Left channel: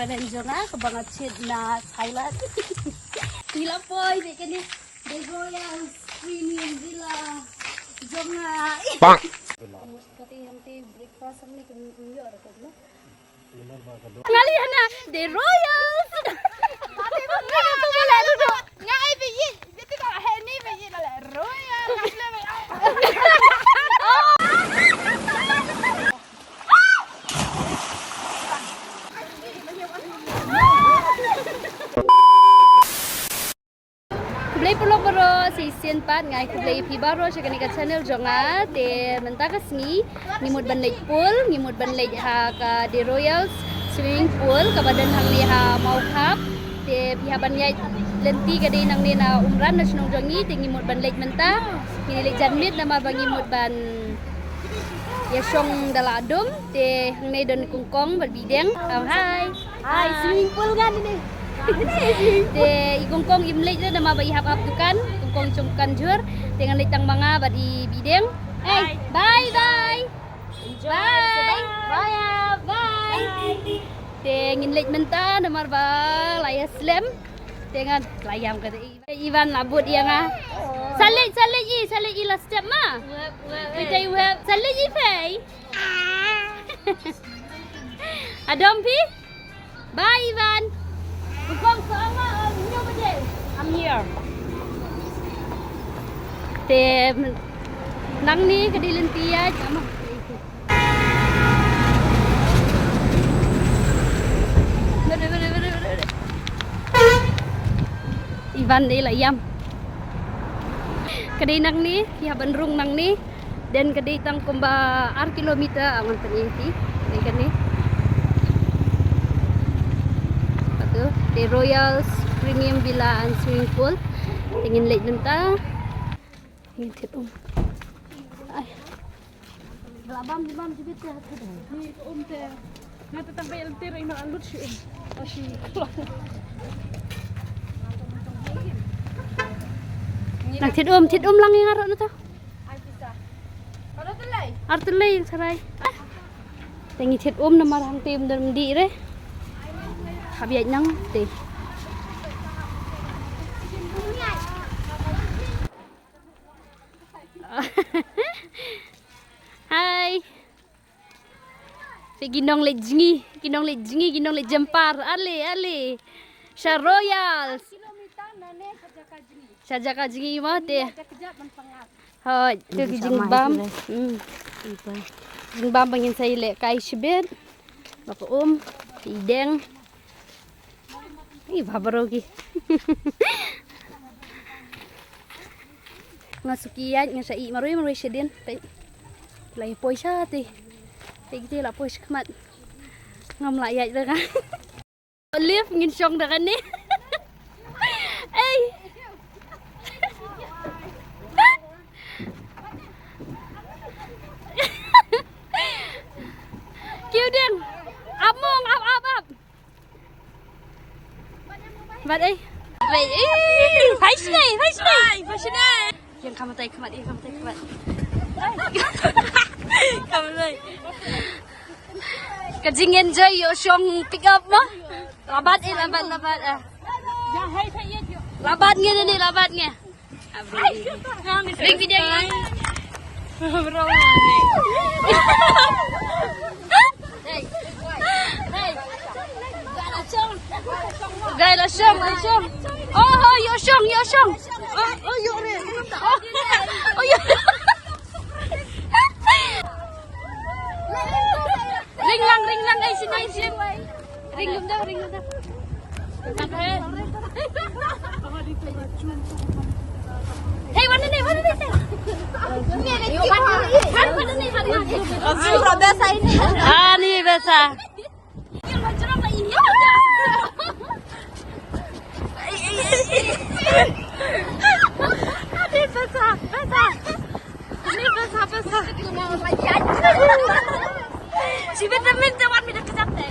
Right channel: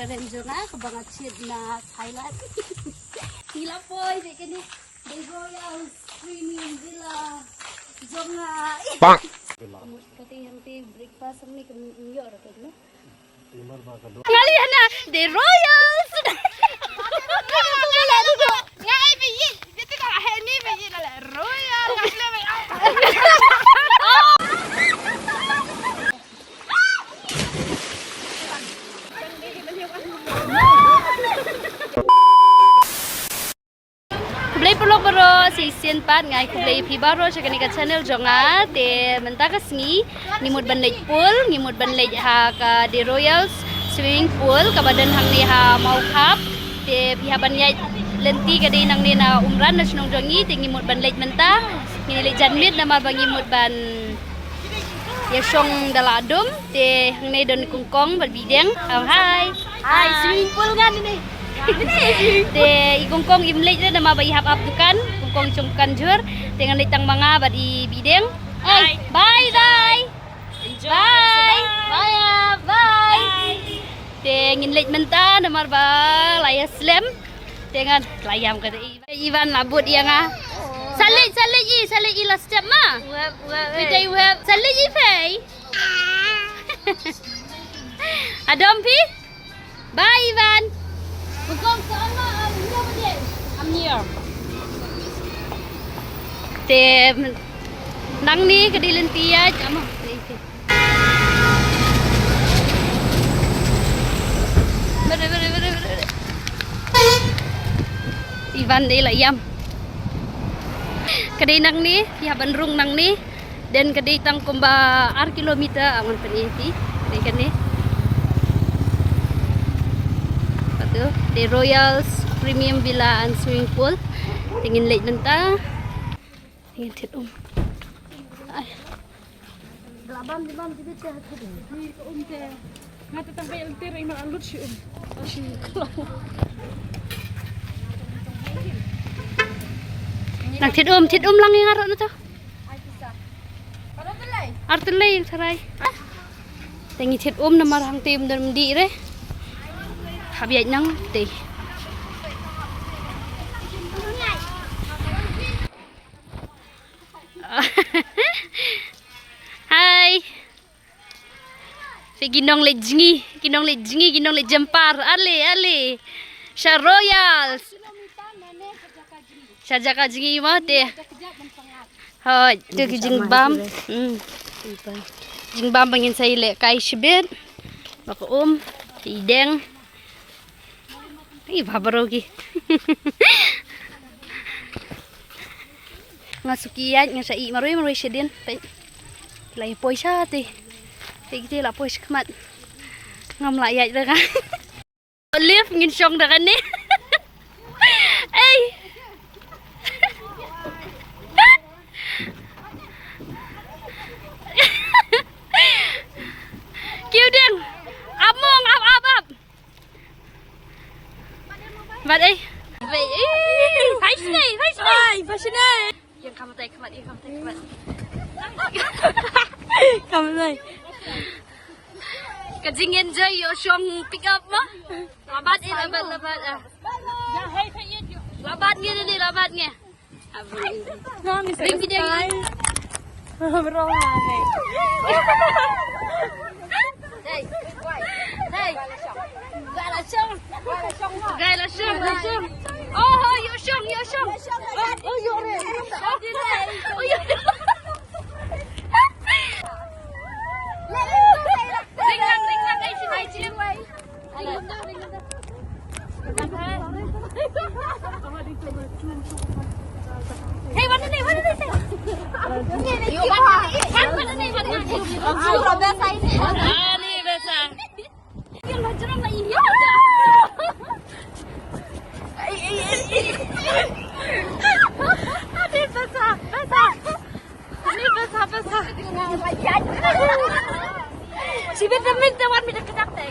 penenjona kebangat na Thailand. Sila poy di kini di ROYALS premium villa jonga. Seperti yang breakfast ni kemio ada kan? Ngalihan na di ROYALS. Itu boleh duduk. Ngai biji, jadi tak ni biji dah royal. Kublai pulau baro season 4 ngai kublai pibaro cakap ni kat channel jonga te mentaka sengi ngimut ban lake pool ngimut ban lake ha ka di ROYALS swimming pool ka badan hang ni ha mau kap te pihak ban yai lenti ka di nang ni na umran na sunong jongi te ngimut ban lake menta ngini lake janmit nama bang ngimut ban yasong daladum te hang ni don kungkong berbideng hai swimming pool ngan ini te ikongkong imlej na nama ba ihap dukan kongkong cungkan jur dengan litang mga ba di bideng bye bye bye te nginlej menta namar ba laya slam dengan layam kata Ivan labut dia nga salej i last step ma pidai web salej i fei adom pi bye Ivan. Bukan sama, I'm here. Te nang ni kadilan tiya amo. Bere. Ivan ni lah yam. Kadai nang ni, pihak bandrung nang ni dan kadai tang kumba ar kilometer aman peniti. Kadai kan ni. Di ROYALS Premium Villa and Swimming Pool. Tingin late nanta. Tingin tit Ay. Laban di mana jadi teh tu? Ni ke nanti sampai eltir ini alut si si. Nak tit lang yang arok na to. Ay bisa. Kalau telai. Artelay yang saray. Tingin tit na marang tim dan di re. Habis nang teh. Hai. Si ginong le jempar. Ale. Sha ROYALS. Sha jaka jingi mah teh. Ha, tu jingbam. Jingbam bangin saya le kai shibet. Baka ideng. Ih, babarogi. Ngasukian nga sa maroy siya din. Lay poy siya ti. Tigti la poy kamat. Ngam layat ra ka. Lift ngin syong da kan ni. Ay. Kiudeng. Among up. Mat ai. Vậy. Phải sini. Yang kamu tay kemat. Kamu ni. Kajing enjoy yo syong pick up mah. Labat. Ya hai thay ye. Labat nge. Ring video ni. Berapa ni? Đây là sông. Oh, yo sông. Oh, yo re. Oh, yo. Ring lang ai xin. Ring lum đâu. Hey, mana ni? Kasura biasa ini. Ah, ni biasa. Yang hajaran lah ini aja. Ini besar. Si vitamin tawar pindah kejap deh.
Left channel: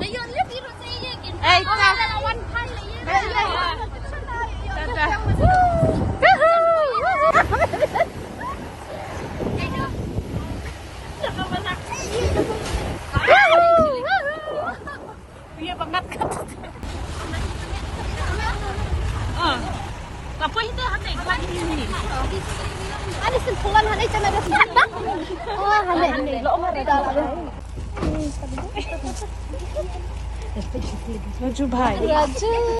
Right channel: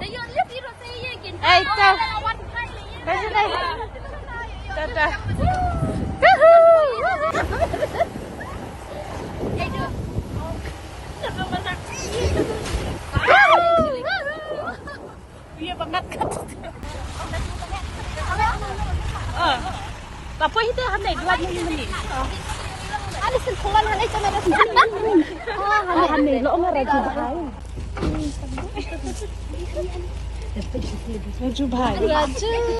Ayo lihat biru saya gini. Tak. Tata. Iya bang. quay thế hắn này lạnh như mình. Ada sentuhan ada cuma ada. Hắn này lỗ nó đây. Raju bhai. Raju.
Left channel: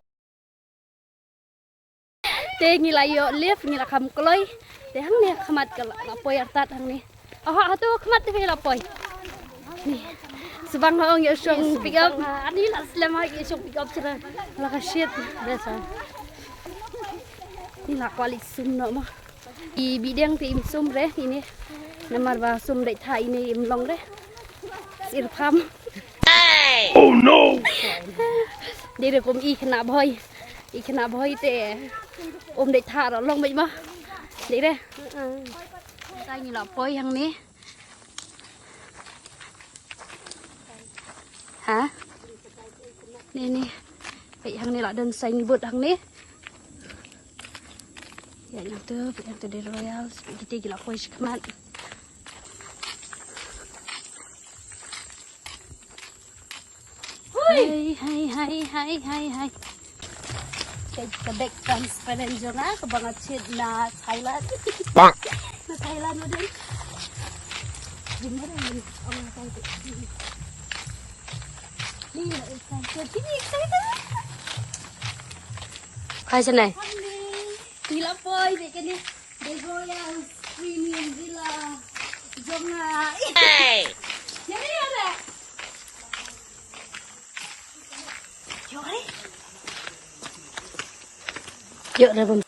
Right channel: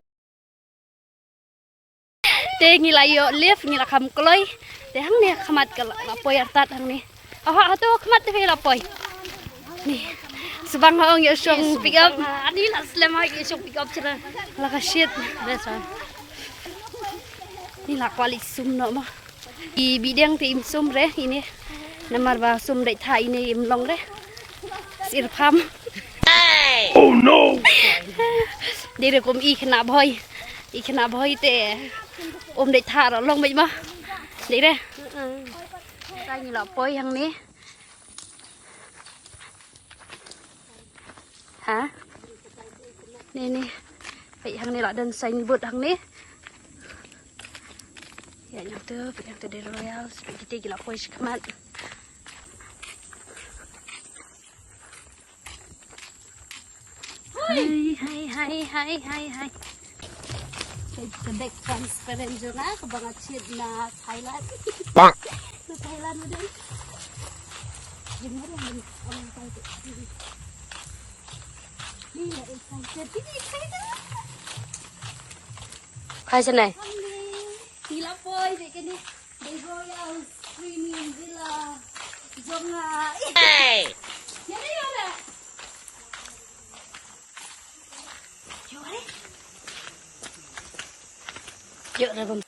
Teh ngila yo lift ngila kam kloi. Teh hang ni khamat ke lapoi artat hang ni. Ah tu khamat teh lapoi. Ni. Subang hong yo song pick up. Ani nak slam hang yo song pick up cera. Laka shit. Biasa. Ni lah kuali sum no mah. Di bidang tim sum re ini. Namar ba sum dai thai ini im long re. Sir pham. Oh no! Đi được cùng y khna boy te ôm để thả rồi long mấy mà đi đây tay như là boy hằng ní hả nè nè vậy hằng này là đơn xanh vượt hằng ní vậy nhang từ đây royals vậy thì là boy come on. Hai. Kedek transparent juga kebangat shit na Thailand. Bang. Na Thailand na din. Jemur ang excited. Ni excited. Ini excited. Hai sana. Gila boy dek ni. The Royals Premium Villa. Jonga. Hey. Yang ni ada. Yuk dah bom.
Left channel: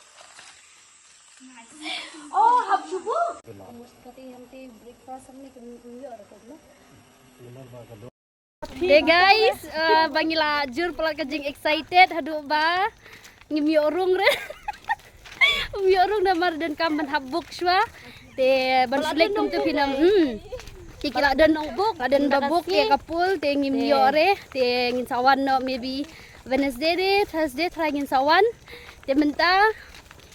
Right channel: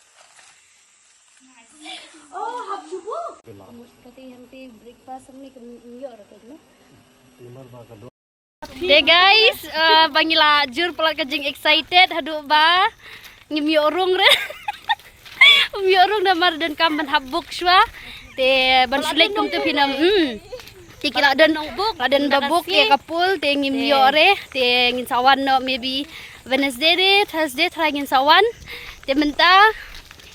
Oh, hab cubu. Tapi nanti breakfast ni yuk dah tu. Hey guys, bangila jur pelat kajing excited hadu ba ngimiorung re. Ngimiorung namar dan kaman habuk shwa. Te ban sulit kum tu pinam. Tikila dan babuk ya kapul te ngimiore te ngin sawan no maybe Wednesday re Thursday try ngin sawan. Te menta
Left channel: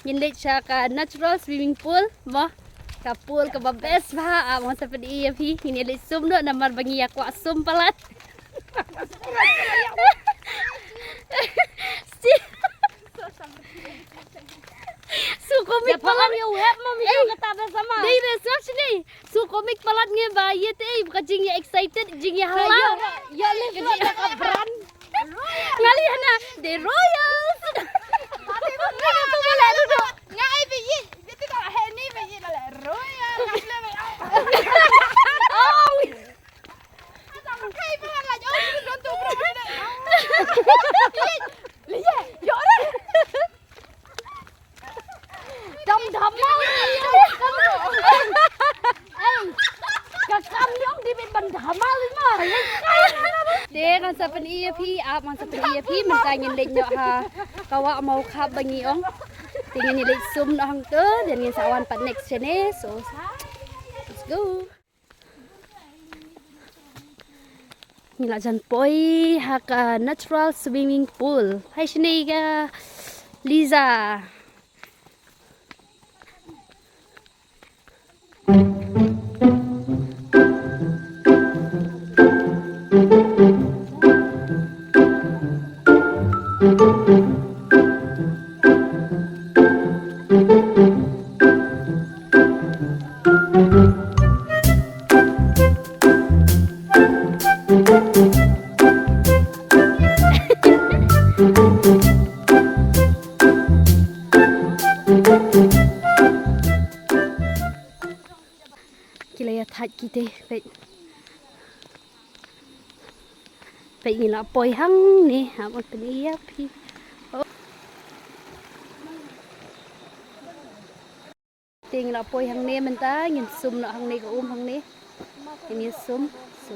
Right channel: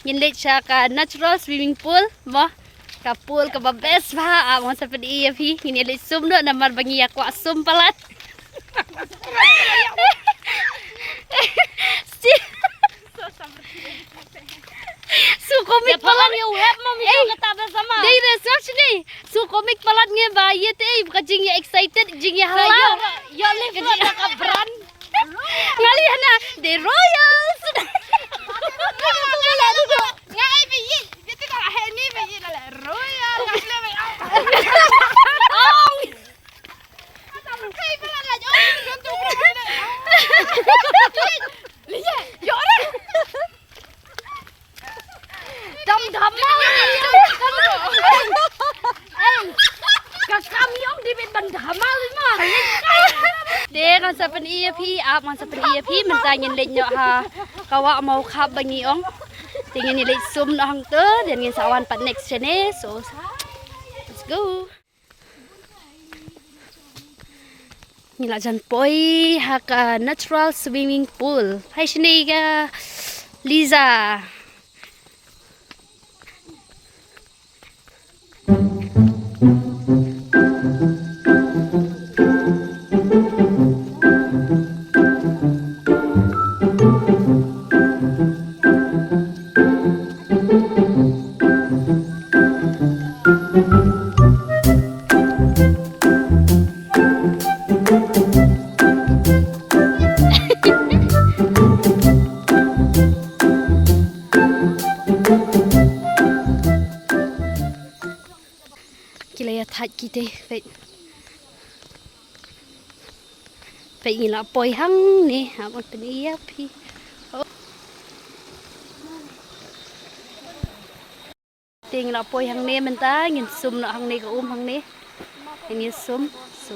ngin leit siya ka natural swimming pool mo ka pool ka best ba mo sa pedi fi ngin leit sum no namar bangi aku asum palat. Su komik palat yo web mami kata bersama. Dei research ni. Su komik palat nge ba ye te kajing ya excited jing ya halal. Yo live ka brand. Ngali hana the Royals. Aku boleh duduk. Ngai biji. Kita tak hari ni biji dah royal. Kasih mai. Oh. Hei, pelan aja. Lihat, yo dah. Dam mau Kakam yung di bin bandamal mo. De kan sa pen EAP ap man sa pen EAP mentangin leit nyo ha kawa mau khap bangi ong. Tingin ni leit sum no hang te dan ngin sawan pat next chene so let's go. Ngila jan poi ha ka natural swimming pool. Hai sini ga Liza. Thạch kỳ tê vậy vậy là bồi hăng nè hả một bên ý phi tiền là bồi hăng nè mình ta nhìn sum nọ hăng nè có hăng nè nhìn sum so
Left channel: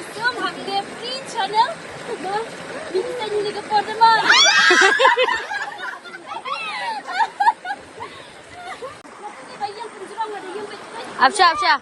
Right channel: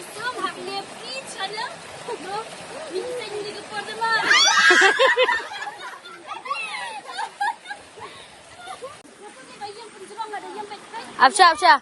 Isum hakge free channel. Bisa saya ni ke por dema. Absha absha.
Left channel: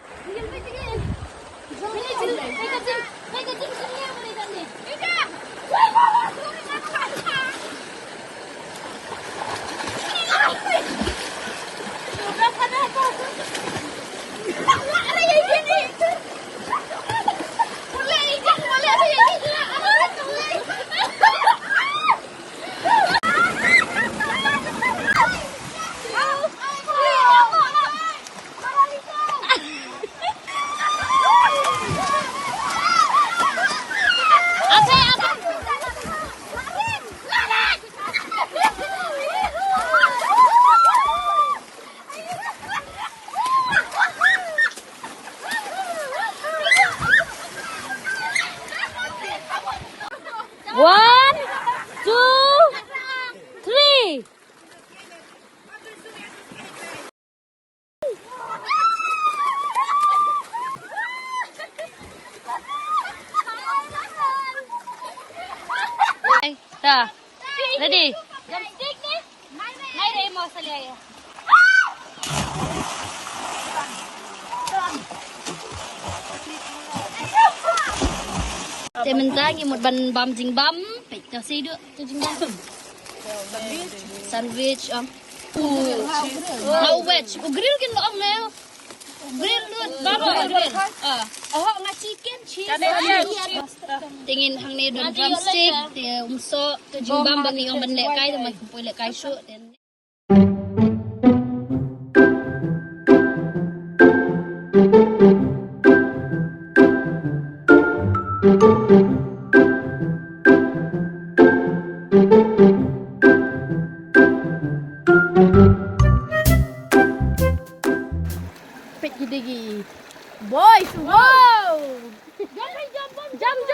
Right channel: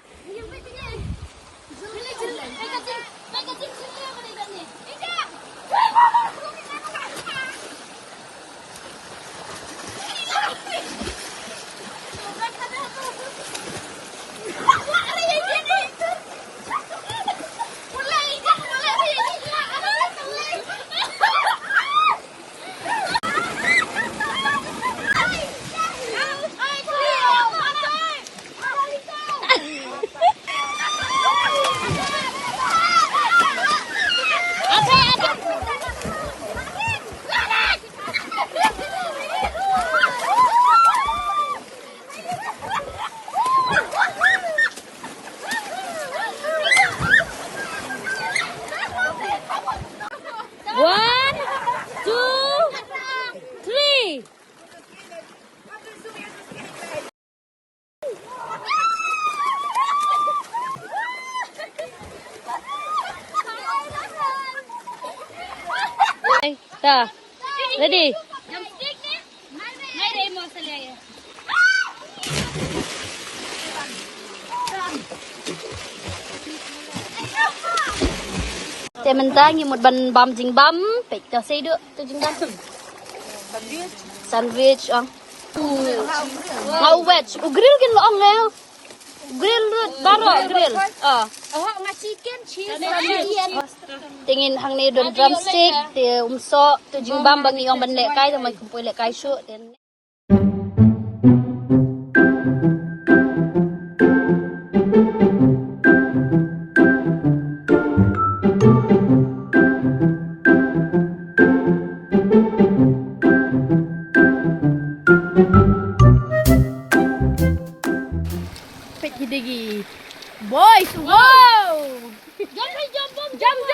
One, two, three. Nah, ready? Temen-temen ngimut ban bam jing bam, pek ta sei được, tu jing bam. Sandwich ang. Mau wedge, grill gin lo ang leo. Grill baro grill. Tingin hang ni don drumstick, te umso, tu jing bam bang iong ban le kai ta mai kumpoi le kai shu ten. Hidegi. Boys, wow! Jump.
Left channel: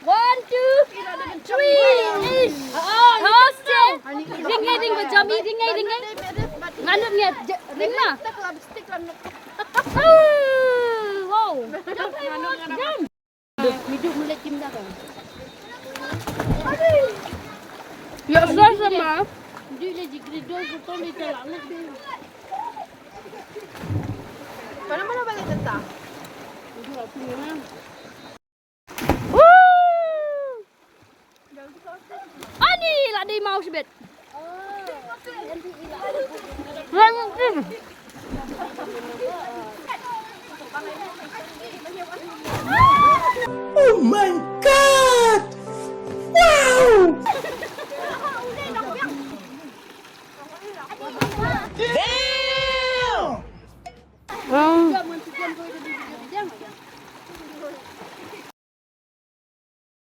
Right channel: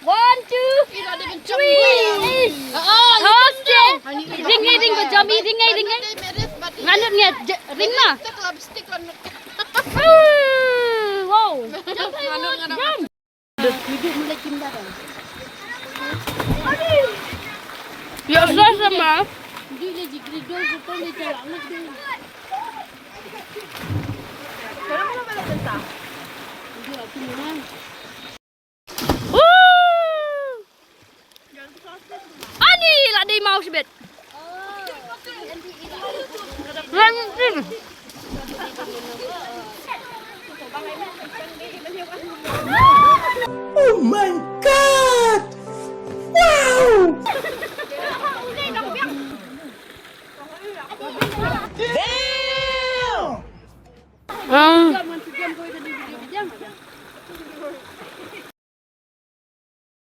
1, 2, 3. Okay. Ring ko jump, ring. Nganut nge ring na. Wow. Jump. Hidup mulai pindah kan. Ya sudah sama. Dia lagi grido betul ni jalan lagi. Ani lah dia mau sebet. Oh my god! Wow! Damn!